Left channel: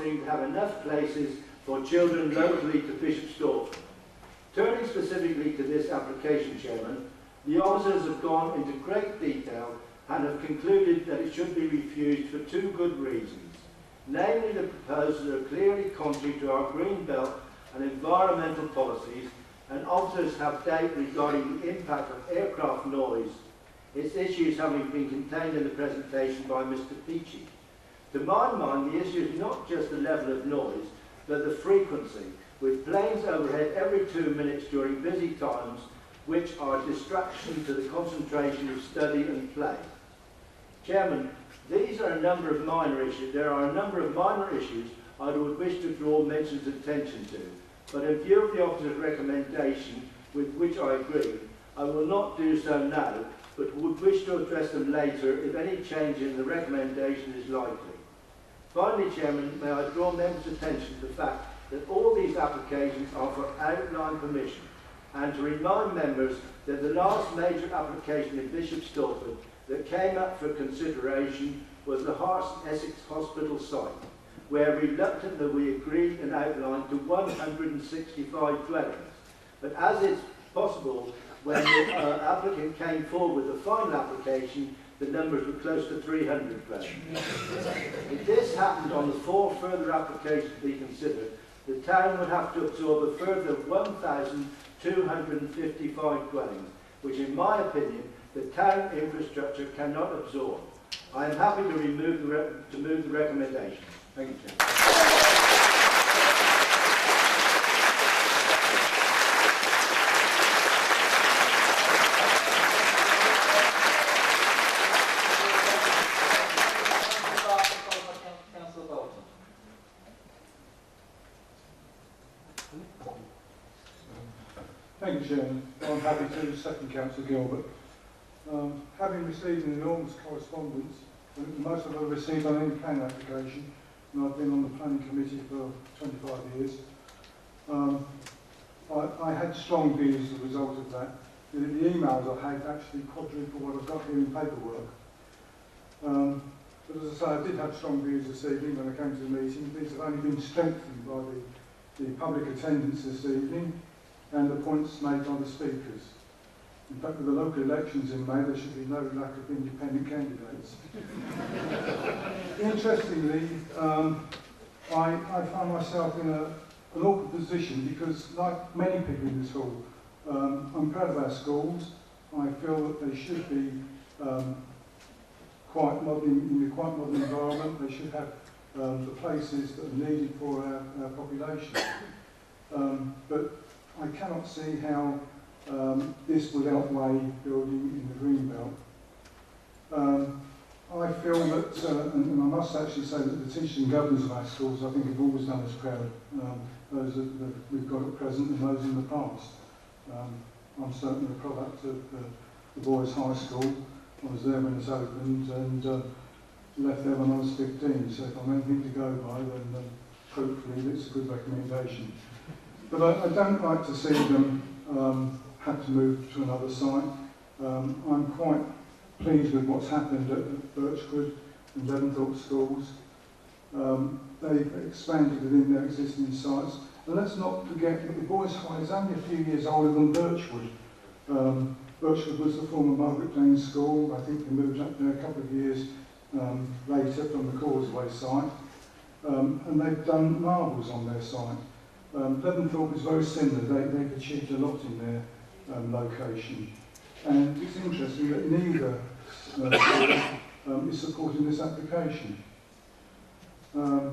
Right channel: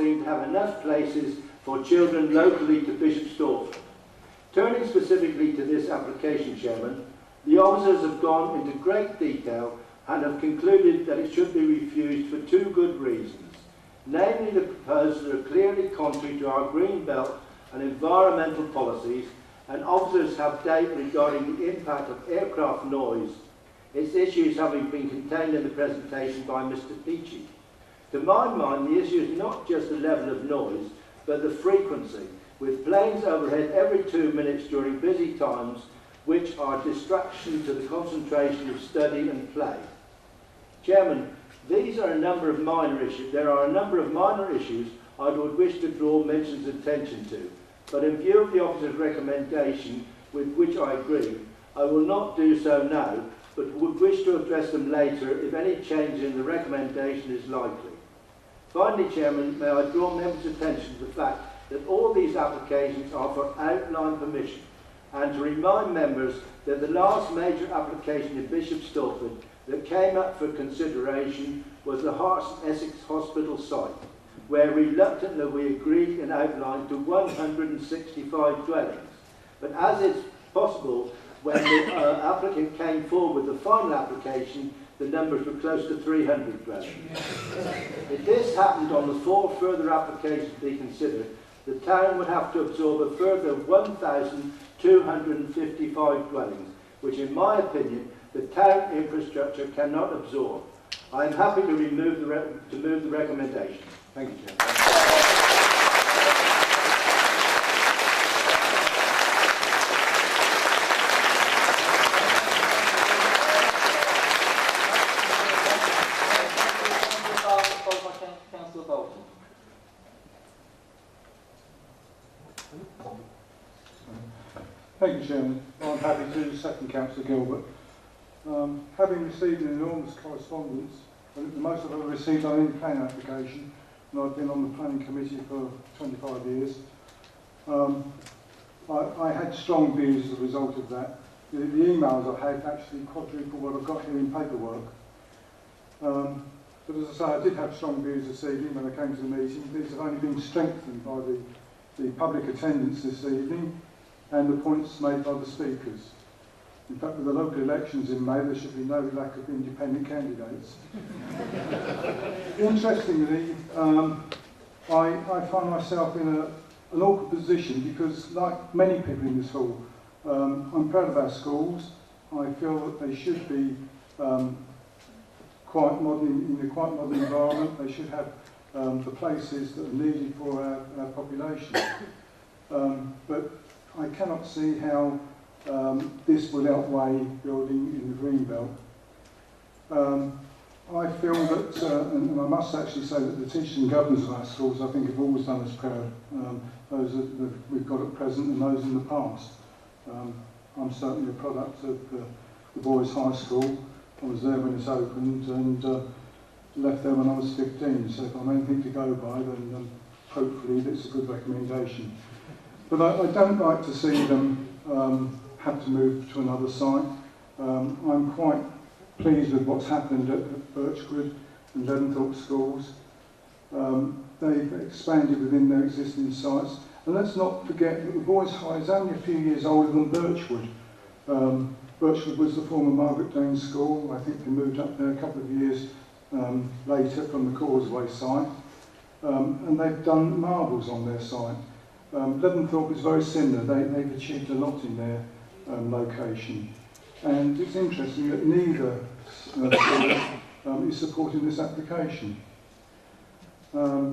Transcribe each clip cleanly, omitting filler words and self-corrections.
seem to have enough places for children locally to Bishop Stortford. Turning specifically to this application, Chairman, the officers have gone into great detail and have concluded that it should be refused for two good reasons. Namely, the proposals are clearly contrary to our green belt and environmental policies, and officers have data regarding the impact of aircraft noise, its issues having been contained in the presentation by Mr. Peachy. To my mind, the issue is not just the level of noise, but the frequency, with planes overhead every 2 minutes during busy times, which are a distraction to the concentration of study and play. Chairman, there are a number of minor issues I would wish to draw mention's attention to, but in view of the officer's recommendation, with which I agree, I will not do so now, but would wish to address them later if any change in the recommendation is likely. Finally, Chairman, may I draw members' attention to the fact that all these applications are for outline permission, and to remind members that the last major application in Bishop Stortford that came up for consideration was the Hearts Essex Hospital site, where reluctantly we agreed and outlined to 165 dwellings. But as it's possible, when the applicant came forward with the final application, the numbers were close to 300 dwellings. If this happened on the 4 further applications to be considered, the town would have to absorb a further 1,255 dwellings, which in my opinion, the town infrastructure cannot absorb. I am happy to move the recommendation. Thank you, Chair. Thank you, Chairman. I'm happy to second Councillor Gilbert. Having received an enormous correspondence, I think the most I've ever received on any planning application, and I've been on the planning committee for 25 years, I had strong views as a result of that. The emails I had actually quadrupled what I've got here in paperwork. But as I say, I did have strong views this evening when I came to the meeting. These have only been strengthened by the public attendance this evening and the points made by the speakers. In fact, with the local elections in May, there should be no lack of independent candidates. Interestingly, I find myself in an awkward position because, like many people in this hall, I'm proud of our schools. I feel that they should be quite modern, in a quite modern environment. They should have the places that are needed for our population. But I cannot see how this will outweigh building in the green belt. I feel that, and I must actually say that the teachers and governors of our schools, I think, have always done us proud, those that we've got at present and those in the past. I'm certainly a product of the boys' high school. I was there when it's opened and left there when I was 15, so if I'm anything to go by, then hopefully it's a good recommendation. But I don't like to see them have to move to another site. I'm quite pleased with what's happened at Birchwood and Leadenthorpe schools. They've expanded within their existing sites. And let's not forget that the Boys' High is only a few years older than Birchwood. Birchwood was the former Margaret Dane School. I think they moved up there a couple of years later from the Causeway site. And they've done marvels on their site. Leadenthorpe is very similar. They've achieved a lot in their location. And it's interesting that neither is supporting this application. I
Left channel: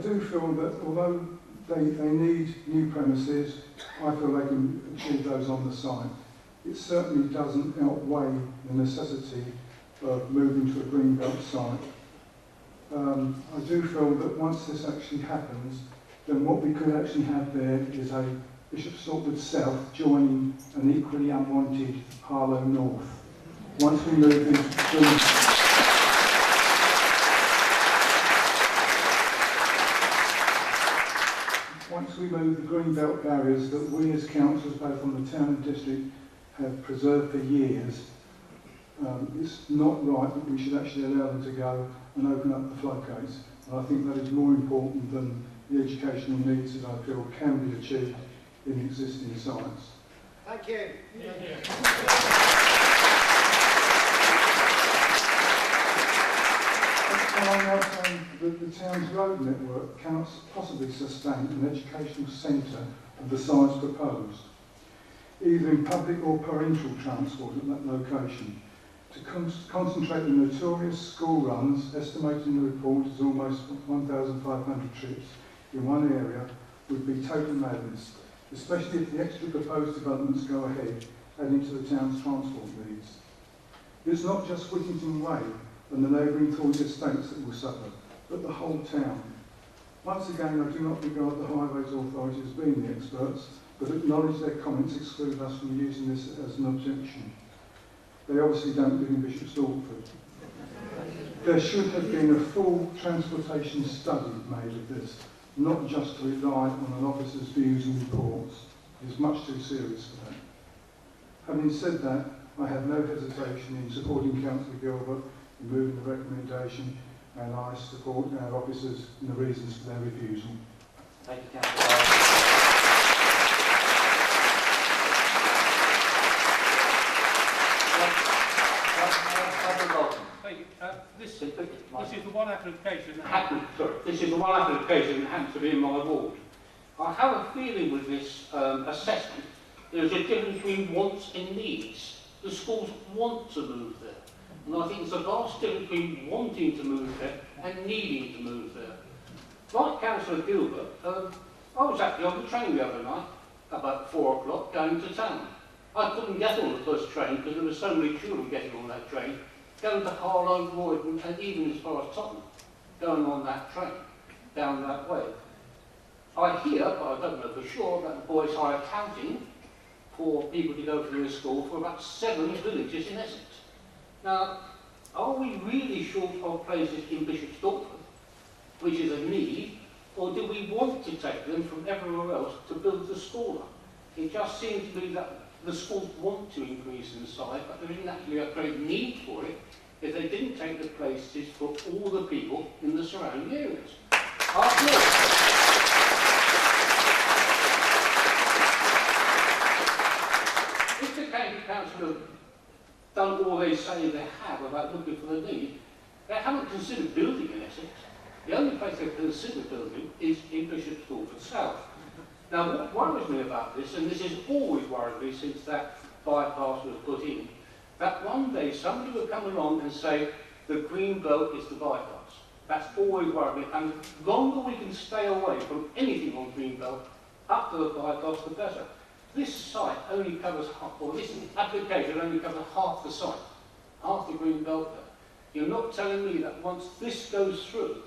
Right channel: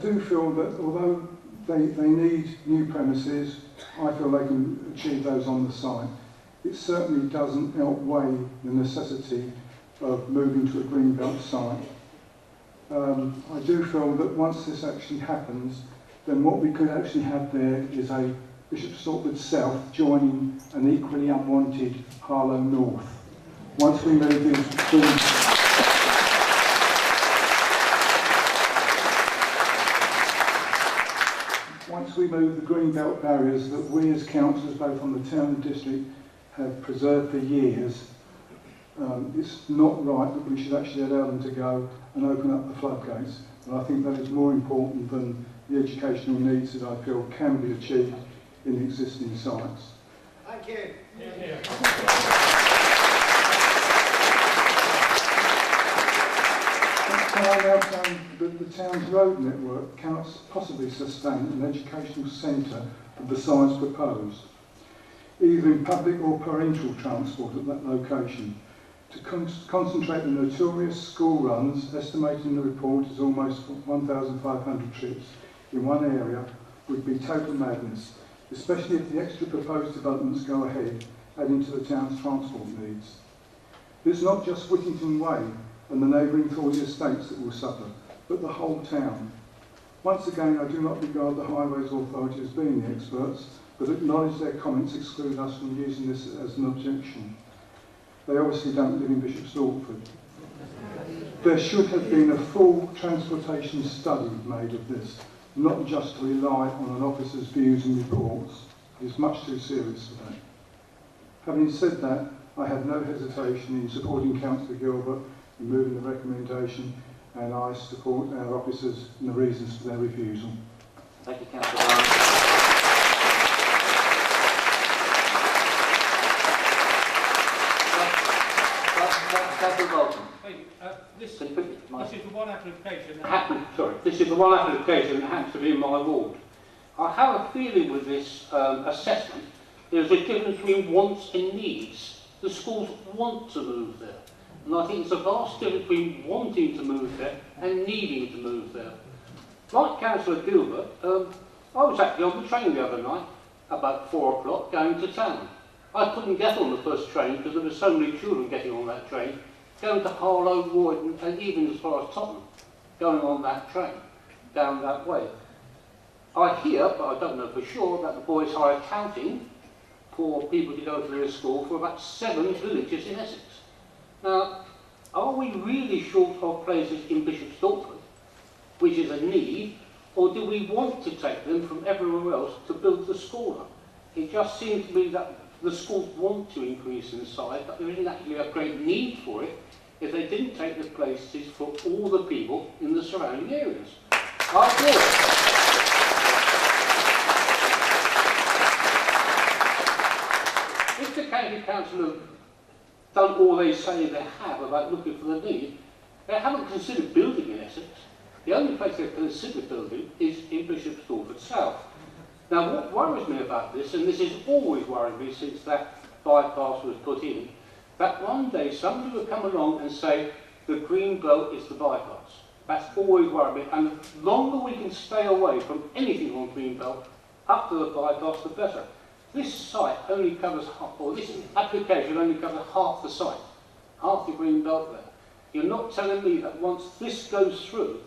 do feel that although they need new premises, I feel they can achieve those on the site. It certainly doesn't outweigh the necessity of moving to a greenbelt site. I do feel that once this actually happens, then what we could actually have there is a Bishop Stortford South joining an equally unwanted Harlow North. Once we move the greenbelt areas that we as councillors, both on the town and district, have preserved for years, it's not right that we should actually allow them to go and open up the floodgates. and I think that is more important than the educational needs that I feel can be achieved in the existing sites. Thank you. Thank you. I now claim that the town's road network cannot possibly sustain an educational centre of the size proposed, either in public or parental transport at that location. To concentrate the notorious school runs, estimated in the report as almost 1,500 trips in one area, would be total madness, especially if the extra proposed developments go ahead, adding to the town's transport needs. It's not just Whittington Way and the neighbouring Thornley estates that will suffer, but the whole town. Once again, I do not regard the Highways Authority as being the experts, but acknowledge their comments exclude us from using this as an objection. They obviously don't live in Bishop Stortford. There should have been a full transportation study made of this, not just to rely on an officer's views and reports. It's much too serious for that. Having said that, I have no hesitation in supporting Councillor Gilbert in moving the recommendation, and I support our officers and the reasons for their refusal. Thank you, Councillor. This is the one application that This is the one application that happens to be in my ward. I have a feeling with this assessment, there's a difference between wants and needs. The schools want to move there. And I think there's a vast difference between wanting to move there and needing to move there. Like Councillor Gilbert, I was actually on the train the other night, about 4 o'clock, going to town. I couldn't get on the first train because there were so many children getting on that train, going to Harlow, Roydon, and even as far as Tottenham, going on that train, down that way. I hear, but I don't know for sure, that the boys are accounting for people to go to their school for about 7 villages in Essex. Now, are we really short of places in Bishop Stortford, which is a need, or do we want to take them from everywhere else to build the school up? It just seems to me that the schools want to increase in size, but there isn't actually a great need for it if they didn't take the places for all the people in the surrounding areas. If the county council have done all they say they have about looking for the need, they haven't considered building in Essex. The only place they've considered building is in Bishop Stortford South. Now, what worries me about this, and this has always worried me since that bypass was put in, that one day somebody will come along and say the green belt is the bypass. That's always worried me, and the longer we can stay away from anything on green belt, up to the bypass, the better. This site only covers half, or this application only covers half the site, half the green belt there. You're not telling me that once this goes through,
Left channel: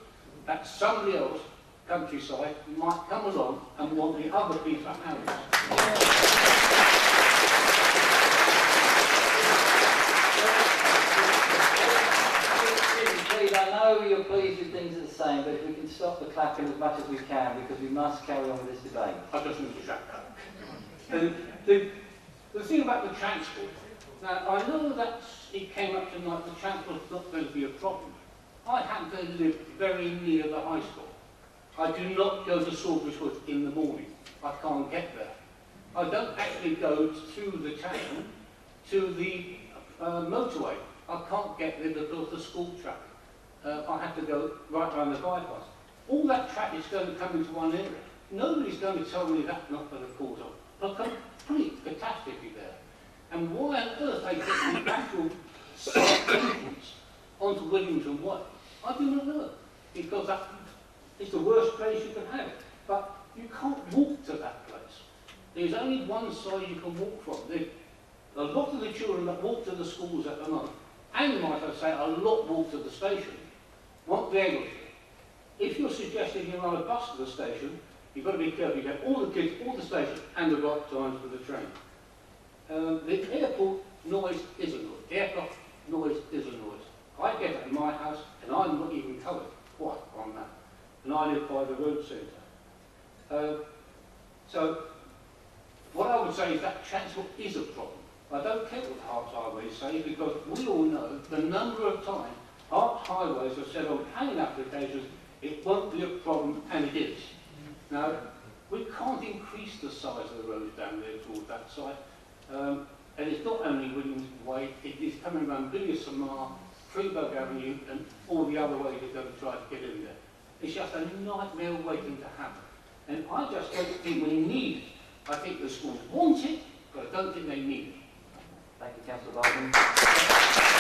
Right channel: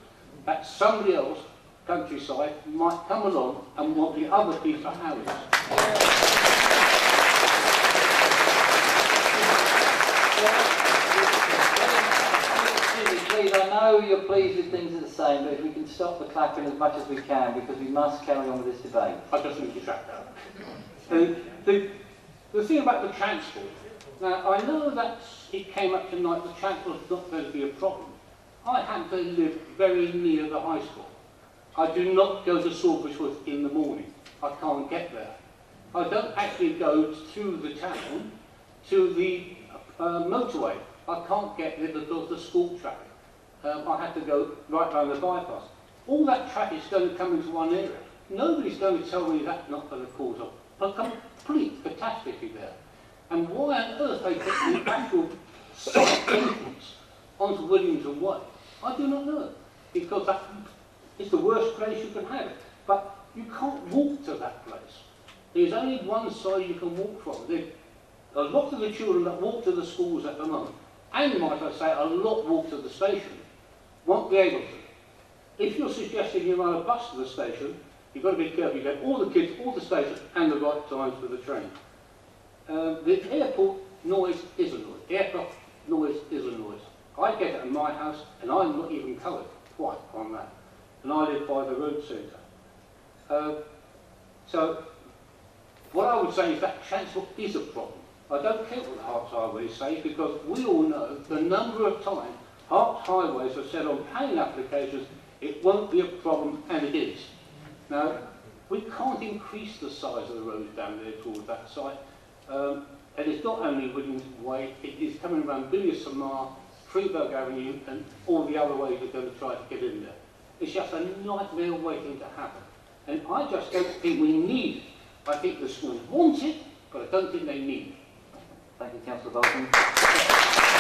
that somebody else, countryside, might come along and want the other piece of houses. I know you're pleased with things are the same, but if we can stop the clapping as much as we can, because we must carry on with this debate. I just need to shut down. The thing about the transport, now I know that it came up tonight, the transport is not going to be a problem. I happen to live very near the high school. I do not go to Salisbury in the morning. I can't get there. I don't actually go to the town, to the motorway. I can't get there because of the school traffic. I have to go right down the bypass. All that traffic is going to come into one area. Nobody's going to tell me that's not going to cause a complete catastrophe there. And why on earth they get the actual site entrance onto Williamson Way, I do not know. Because that is the worst place you can have it. But you can't walk to that place. There's only one side you can walk from. A lot of the children that walk to the schools at the moment, and might I say, a lot walk to the station, won't be able to. If you're suggesting you run a bus to the station, you've got to be careful. You get all the kids, all the stations, and the right times for the train. The airport noise is a noise. Aircraft noise is a noise. I get it in my house, and I'm not even covered quite on that. And I live by the road centre. So, what I would say is that transport is a problem. I don't care what the Herts Highways say, because we all know the number of times Herts Highways have said on planning applications It won't be a problem, and it is. Now, we can't increase the size of the road down there towards that side. And it's not only Williams Way, it is coming around Billy Samar, Freeburg Avenue, and all the other ways you're going to try to get in there. It's just a nightmare waiting to happen. And I just don't think we need it. I think the schools want it, but I don't think they need it. Thank you, Councillor Bolton.